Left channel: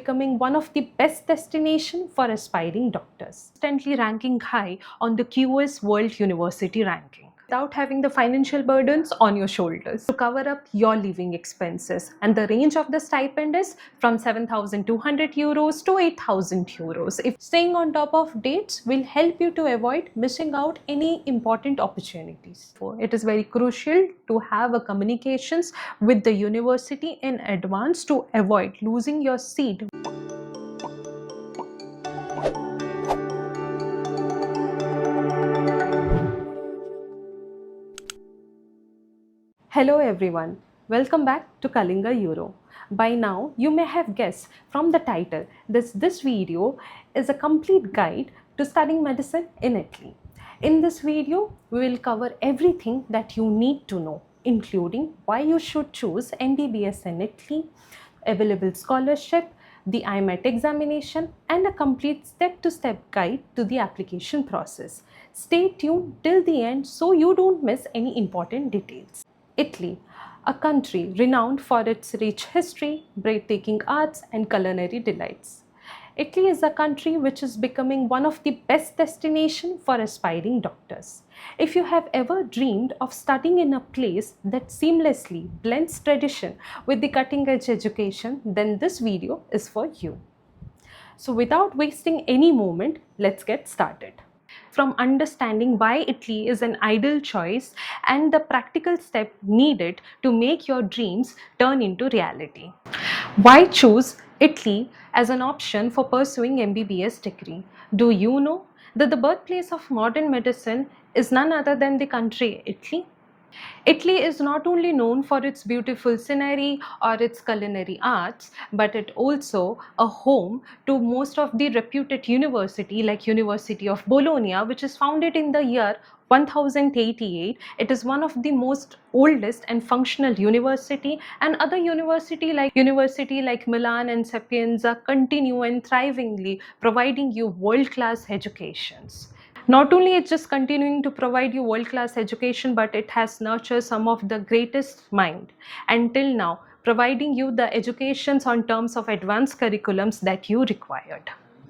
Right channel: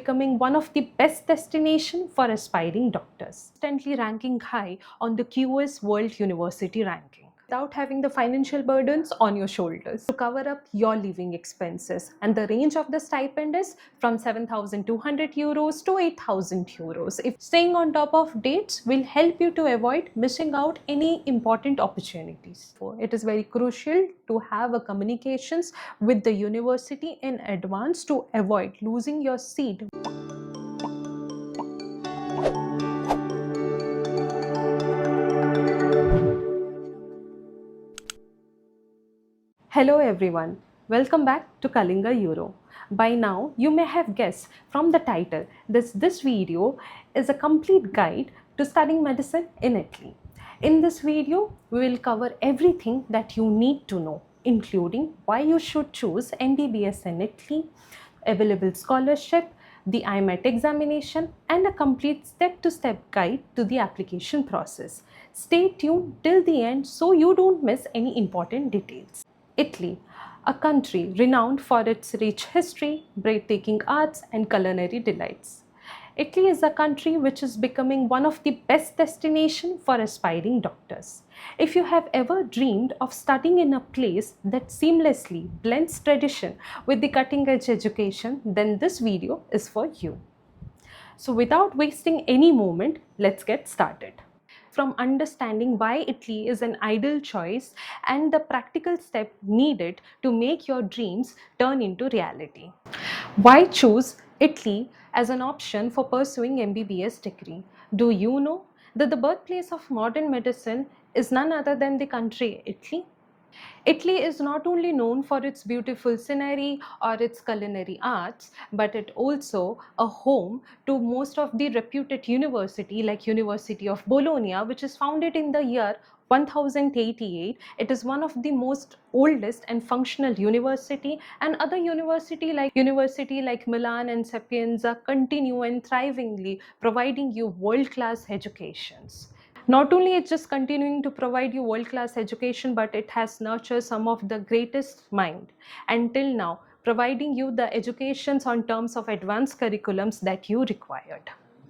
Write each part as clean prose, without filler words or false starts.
becoming one of the best destinations for aspiring doctors. Constantly ranking high on the QS World University ranking without having the financial burdens on your shoulders to cover up your living expenses. And the range of the stipend is from 7,200 euros to 8,000 euros. If staying on top of dates will help you to avoid missing out any important opportunities. It is very crucial to have a communications with the university in advance to avoid losing your seat. Hello everyone, welcome back to Kalingaeuro. By now, you may have guessed from the title this video is a complete guide to studying medicine in Italy. In this video, we will cover everything that you need to know, including why you should choose MBBS in Italy, available scholarship, the IMAT examination, and a complete step-to-step guide to the application process. Stay tuned till the end so you don't miss any important details. Italy, a country renowned for its rich history, breathtaking arts, and culinary delights. Italy is a country which is becoming one of the best destinations for aspiring doctors. If you have ever dreamed of studying in a place that seamlessly blends tradition with the cutting-edge education, then this video is for you. So without wasting any moment, let's get started. From understanding why Italy is an ideal choice and the practical step needed to make your dreams turn into reality. Why choose Italy as an option for pursuing MBBS degree? Do you know that the birthplace of modern medicine is none other than the country Italy? Italy is not only known for its beautiful scenery or its culinary arts, but it also a home to most of the reputed university like University of Bologna, which is founded in the year 1088. It is one of the most oldest and functional university, and other university like Milan and Sapienza continue and thrivingly providing you world-class educations. Not only it's just continuing to provide you world-class education, but it has nurtured some of the greatest mind until now, providing you the educations on terms of advanced curriculums that you required.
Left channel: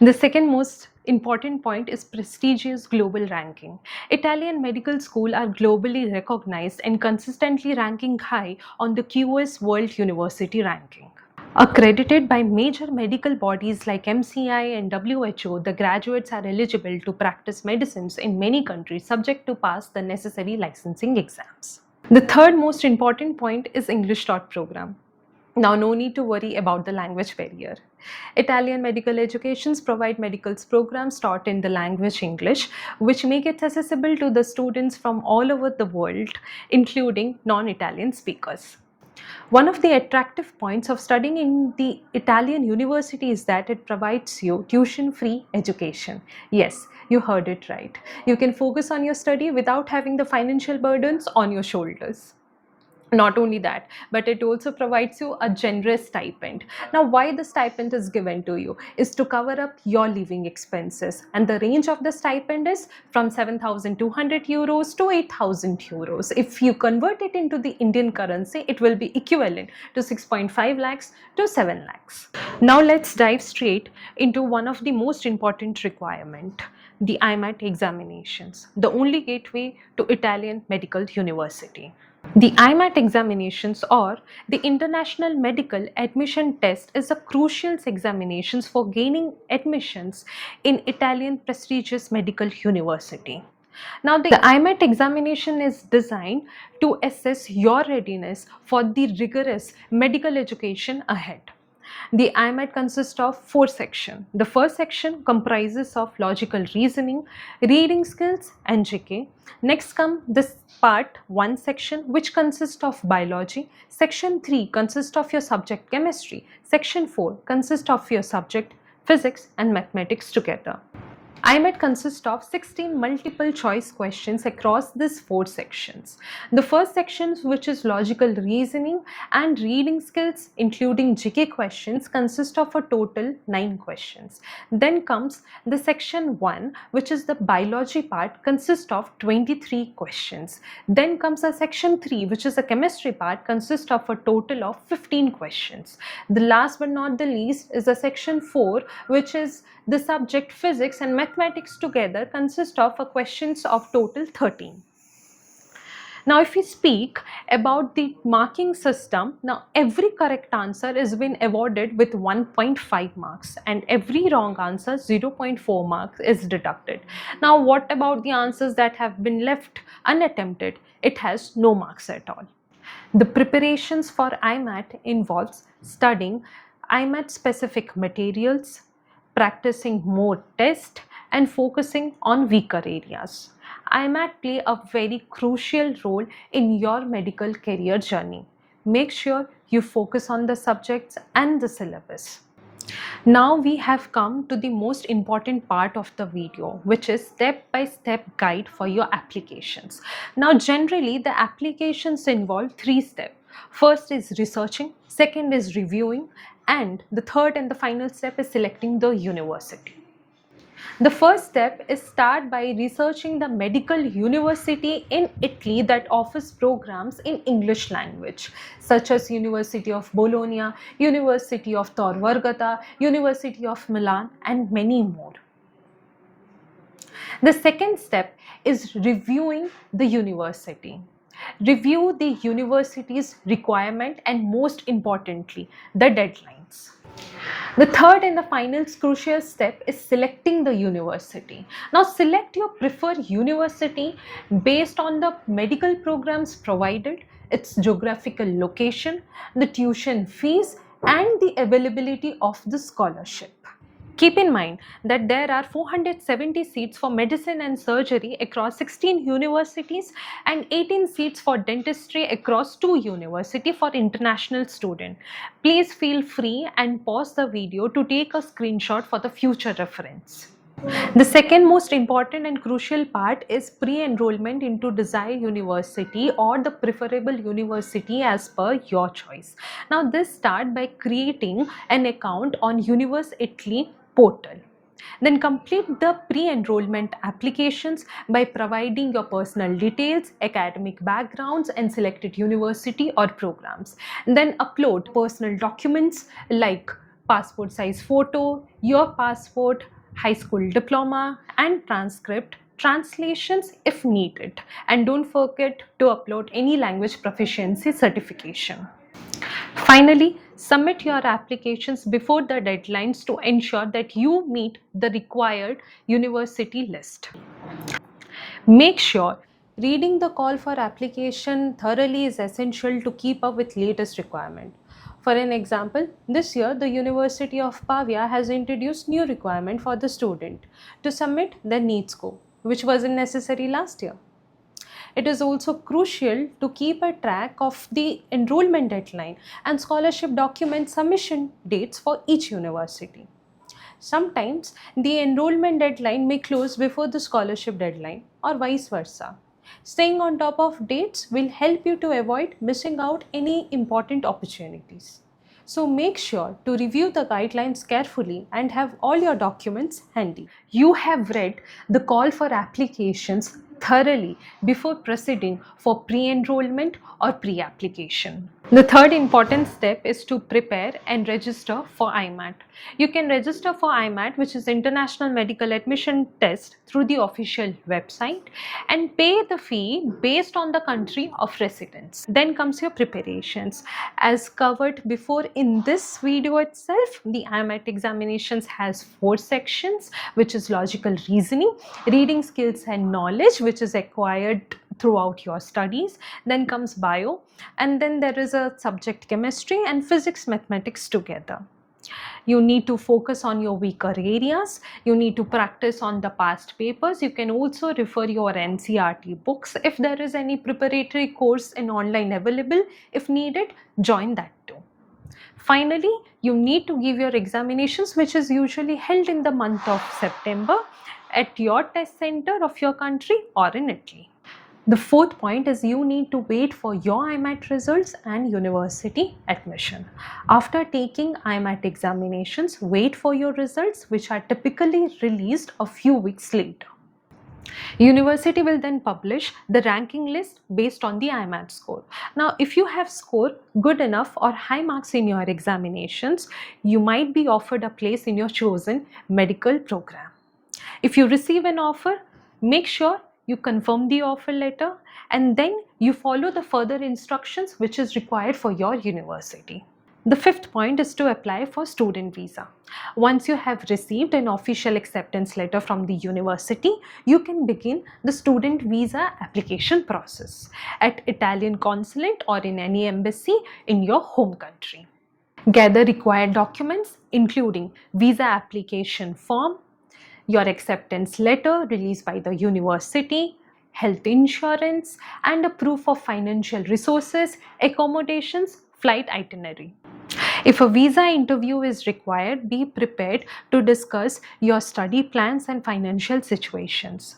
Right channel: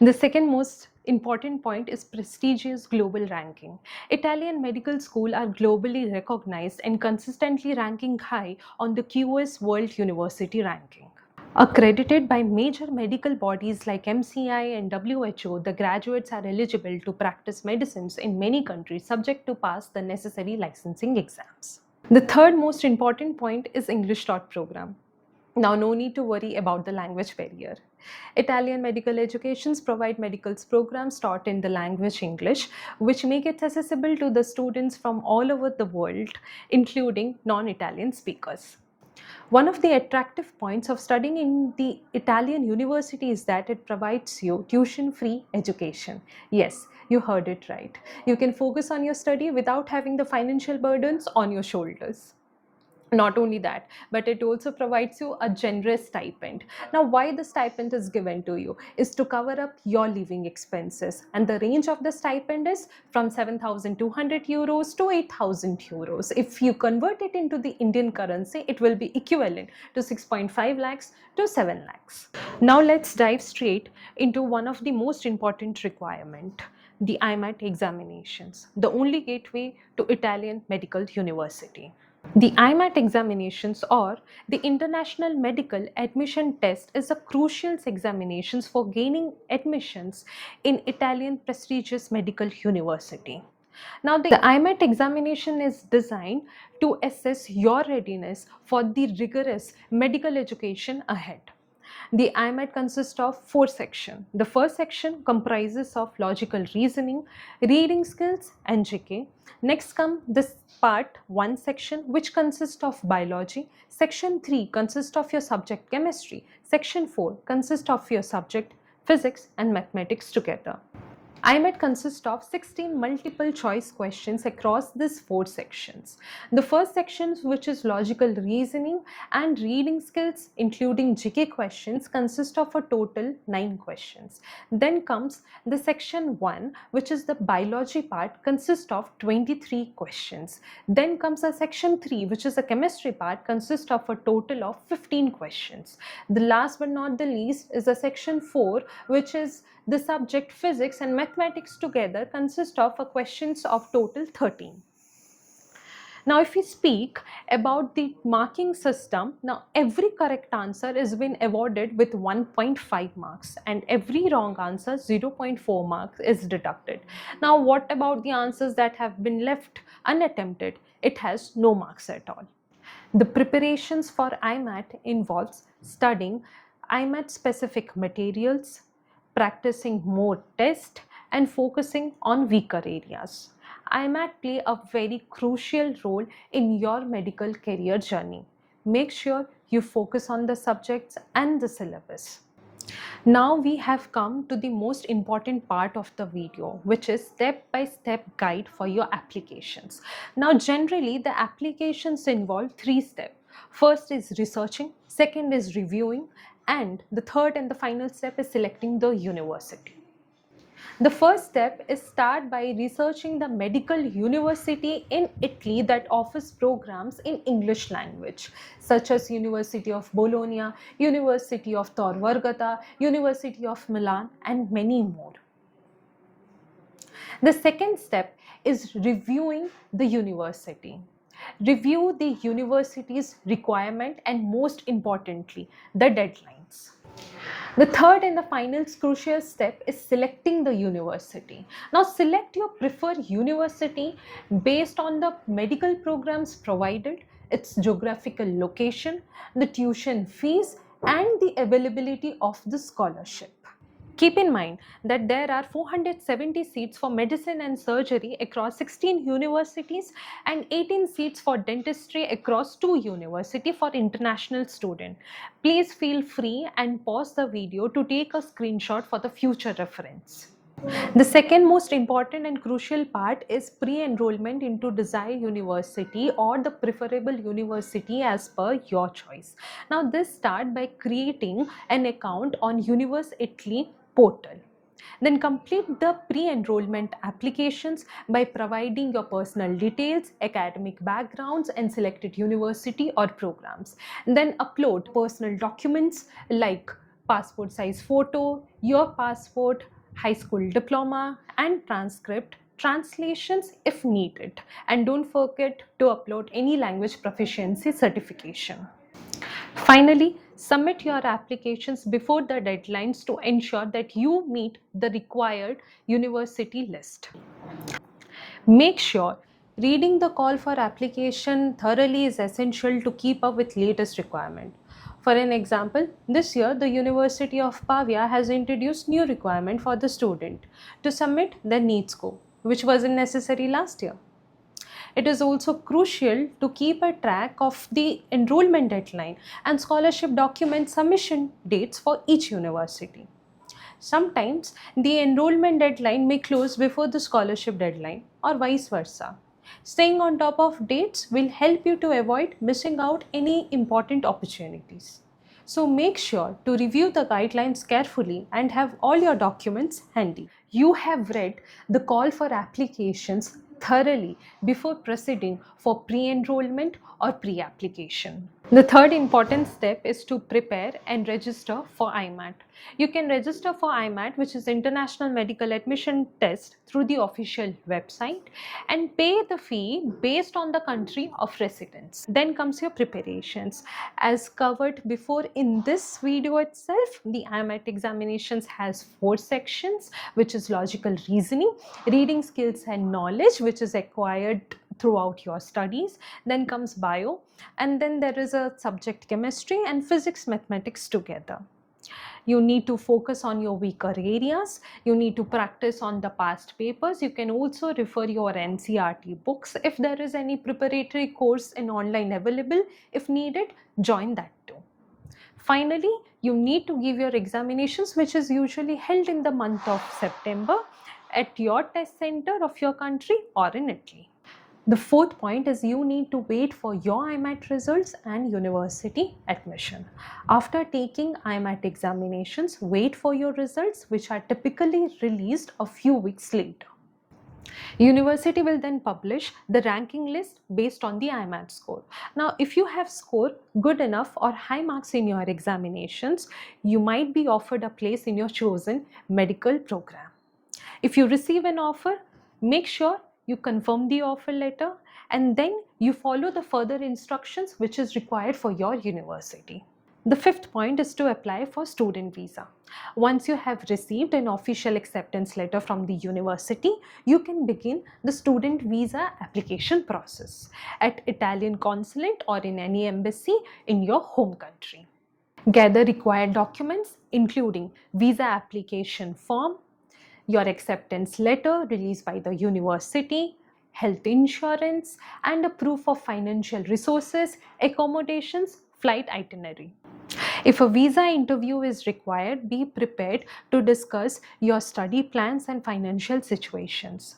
The second most important point is prestigious global ranking. Italian medical schools are globally recognized and consistently ranking high on the QS World University ranking. Accredited by major medical bodies like MCI and WHO, the graduates are eligible to practice medicines in many countries subject to pass the necessary licensing exams. The third most important point is English taught program. Now, no need to worry about the language barrier. Italian medical educations provide medical programs taught in the language English, which make it accessible to the students from all over the world, including non-Italian speakers. One of the attractive points of studying in the Italian university is that it provides you tuition-free education. Yes, you heard it right. You can focus on your study without having the financial burdens on your shoulders. Not only that, but it also provides you a generous stipend. Now, why the stipend is given to you is to cover up your living expenses, and the range of the stipend is from 7,200 euros to 8,000 euros. If you convert it into the Indian currency, it will be equivalent to 6.5 lakhs to 7 lakhs. Now let's dive straight into one of the most important requirement, the IMAT examinations, the only gateway to Italian medical university. The IMAT examinations, or the International Medical Admission Test, is a crucial examination for gaining admissions in Italian prestigious medical university. Now, the IMAT examination is designed to assess your readiness for the rigorous medical education ahead. The IMAT consists of 4 sections. The first section comprises of logical reasoning, reading skills, and GK. Next comes this part 1 section, which consists of biology. Section 3 consists of your subject chemistry. Section 4 consists of your subject physics and mathematics together. IMAT consists of 16 multiple choice questions across these 4 sections. The first section, which is logical reasoning and reading skills, including GK questions, consists of a total 9 questions. Then comes the section 1, which is the biology part, consists of 23 questions. Then comes a section 3, which is a chemistry part, consists of a total of 15 questions. The last but not the least is a section 4, which is the subject physics and mathematics together, consist of a questions of total 13. Now, if we speak about the marking system, now every correct answer is been awarded with 1.5 marks and every wrong answer 0.4 marks is deducted. Now, what about the answers that have been left unattempted? It has no marks at all. The preparations for IMAT involves studying IMAT specific materials, practicing more tests, and focusing on weaker areas. IMAT play a very crucial role in your medical career journey. Make sure you focus on the subjects and the syllabus. Now we have come to the most important part of the video, which is step-by-step guide for your applications. Now generally the applications involve 3 steps. First is researching, second is reviewing, and the third and the final step is selecting the university. The first step is start by researching the medical university in Italy that offers programs in English language, such as University of Bologna, University of Tor Vergata, University of Milan, and many more. The second step is reviewing the university. Review the university's requirement and most importantly, the deadlines. The third and the final crucial step is selecting the university. Now select your preferred university based on the medical programs provided, its geographical location, the tuition fees, and the availability of the scholarship. Keep in mind that there are 470 seats for medicine and surgery across 16 universities and 18 seats for dentistry across 2 universities for international students. Please feel free and pause the video to take a screenshot for the future reference. The second most important and crucial part is pre-enrollment into desired university or the preferable university as per your choice. Now this start by creating an account on Universe Italy portal. Then complete the pre-enrollment applications by providing your personal details, academic backgrounds, and selected university or programs. Then upload personal documents like passport size photo, your passport, high school diploma, and transcript, translations if needed. And don't forget to upload any language proficiency certification. Finally, submit your applications before the deadlines to ensure that you meet the required university list. Make sure reading the call for application thoroughly is essential to keep up with latest requirement. For an example, this year the University of Pavia has introduced new requirement for the student to submit the NEET score, which wasn't necessary last year. It is also crucial to keep a track of the enrollment deadline and scholarship document submission dates for each university. Sometimes the enrollment deadline may close before the scholarship deadline or vice versa. Staying on top of dates will help you to avoid missing out any important opportunities. So make sure to review the guidelines carefully and have all your documents handy. You have read the call for applications thoroughly before proceeding for pre-enrollment or pre-application. The third important step is to prepare and register for IMAT. You can register for IMAT, which is International Medical Admission Test, through the official website and pay the fee based on the country of residence. Then comes your preparations. As covered before in this video itself, the IMAT examinations has 4 sections, which is logical reasoning, reading skills and knowledge, which is acquired throughout your studies. Then comes bio, and then there is a subject chemistry and physics mathematics together. You need to focus on your weaker areas. You need to practice on the past papers. You can also refer your NCERT books. If there is any preparatory course in online available, if needed, join that too. Finally, you need to give your examinations, which is usually held in the month of September, at your test center of your country or in Italy. The fourth point is you need to wait for your IMAT results and university admission. After taking IMAT examinations, wait for your results, which are typically released a few weeks later. University will then publish the ranking list based on the IMAT score. Now, if you have scored good enough or high marks in your examinations, you might be offered a place in your chosen medical program. If you receive an offer, make sure you confirm the offer letter and then you follow the further instructions which is required for your university. The fifth point is to apply for student visa. Once you have received an official acceptance letter from the university, you can begin the student visa application process at Italian consulate or in any embassy in your home country. Gather required documents including visa application form, your acceptance letter released by the university, health insurance, and a proof of financial resources, accommodations, flight itinerary. If a visa interview is required, be prepared to discuss your study plans and financial situations.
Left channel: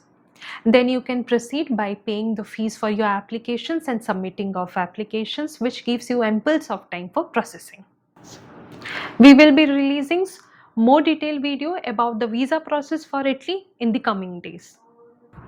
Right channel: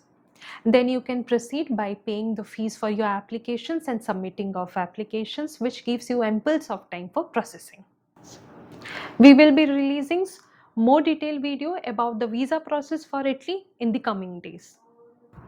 Then you can proceed by paying the fees for your applications and submitting of applications, which gives you ample of time for processing. We will be releasing more detailed video about the visa process for Italy in the coming days.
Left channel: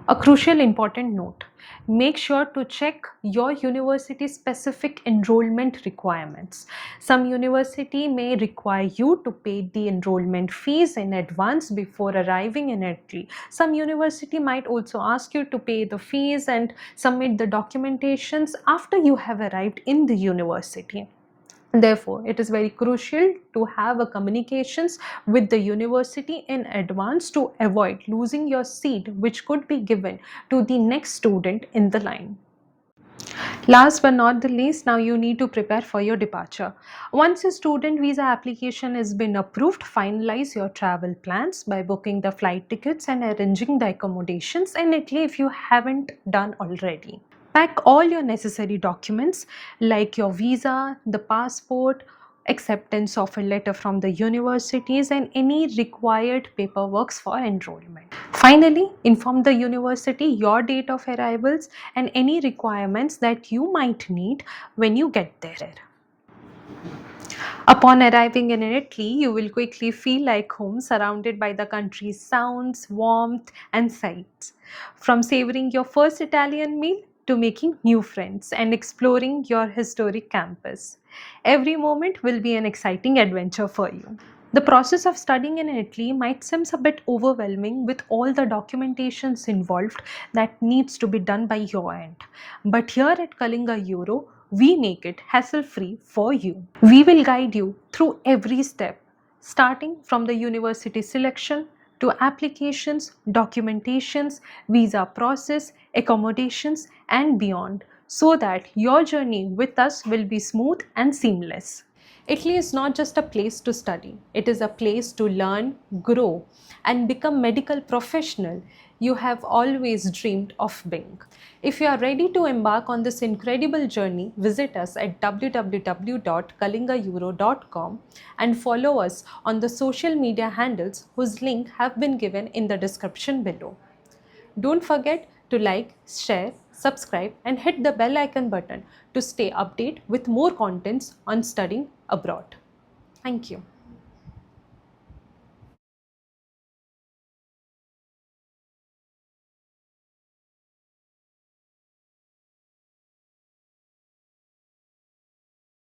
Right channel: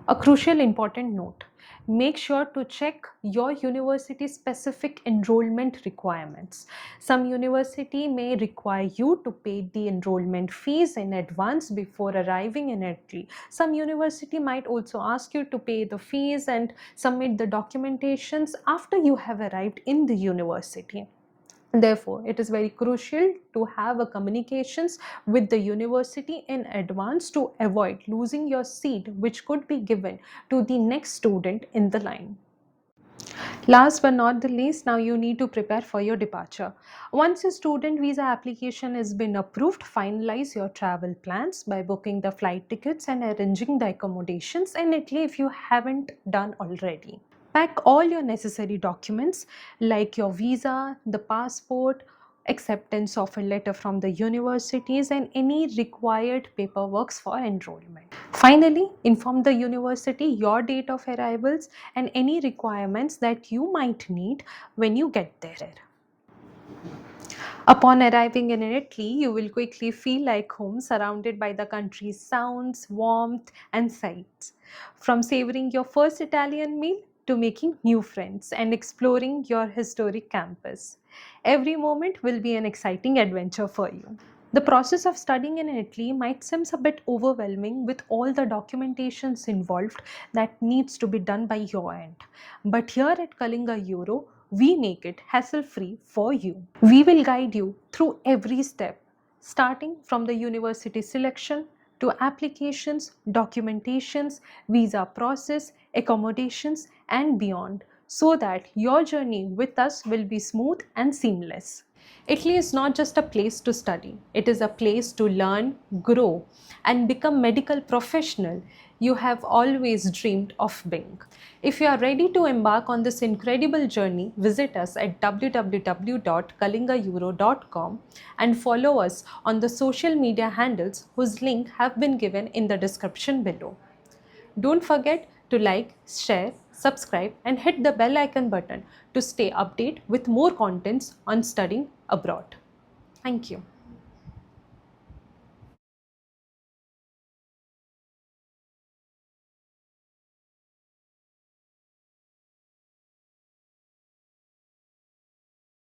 A crucial important note, make sure to check your university specific enrollment requirements. Some university may require you to pay the enrollment fees in advance before arriving in Italy. Some university might also ask you to pay the fees and submit the documentations after you have arrived in the university. Therefore, it is very crucial to have a communications with the university in advance to avoid losing your seat, which could be given to the next student in the line. Last but not the least, now you need to prepare for your departure. Once your student visa application has been approved, finalize your travel plans by booking the flight tickets and arranging the accommodations in Italy if you haven't done already. Pack all your necessary documents like your visa, the passport, acceptance of a letter from the universities and any required paperwork for enrollment. Finally, inform the university your date of arrivals and any requirements that you might need when you get there. Upon arriving in Italy, you will quickly feel like home, surrounded by the country's sounds, warmth, and sights. From savoring your first Italian meal to making new friends and exploring your historic campus, every moment will be an exciting adventure for you. The process of studying in Italy might seem a bit overwhelming with all the documentations involved that needs to be done by your end. But here at Kalingaeuro, we make it hassle-free for you. We will guide you through every step, starting from the university selection to applications, documentations, visa process, accommodations, and beyond, so that your journey with us will be smooth and seamless. Italy is not just a place to study, it is a place to learn, grow, and become medical professional you have always dreamed of being. If you are ready to embark on this incredible journey, visit us at www.kalingaeuro.com and follow us on the social media handles whose link have been given in the description below. Don't forget to like, share, subscribe and hit the bell icon button to stay updated with more contents on studying abroad. Thank you.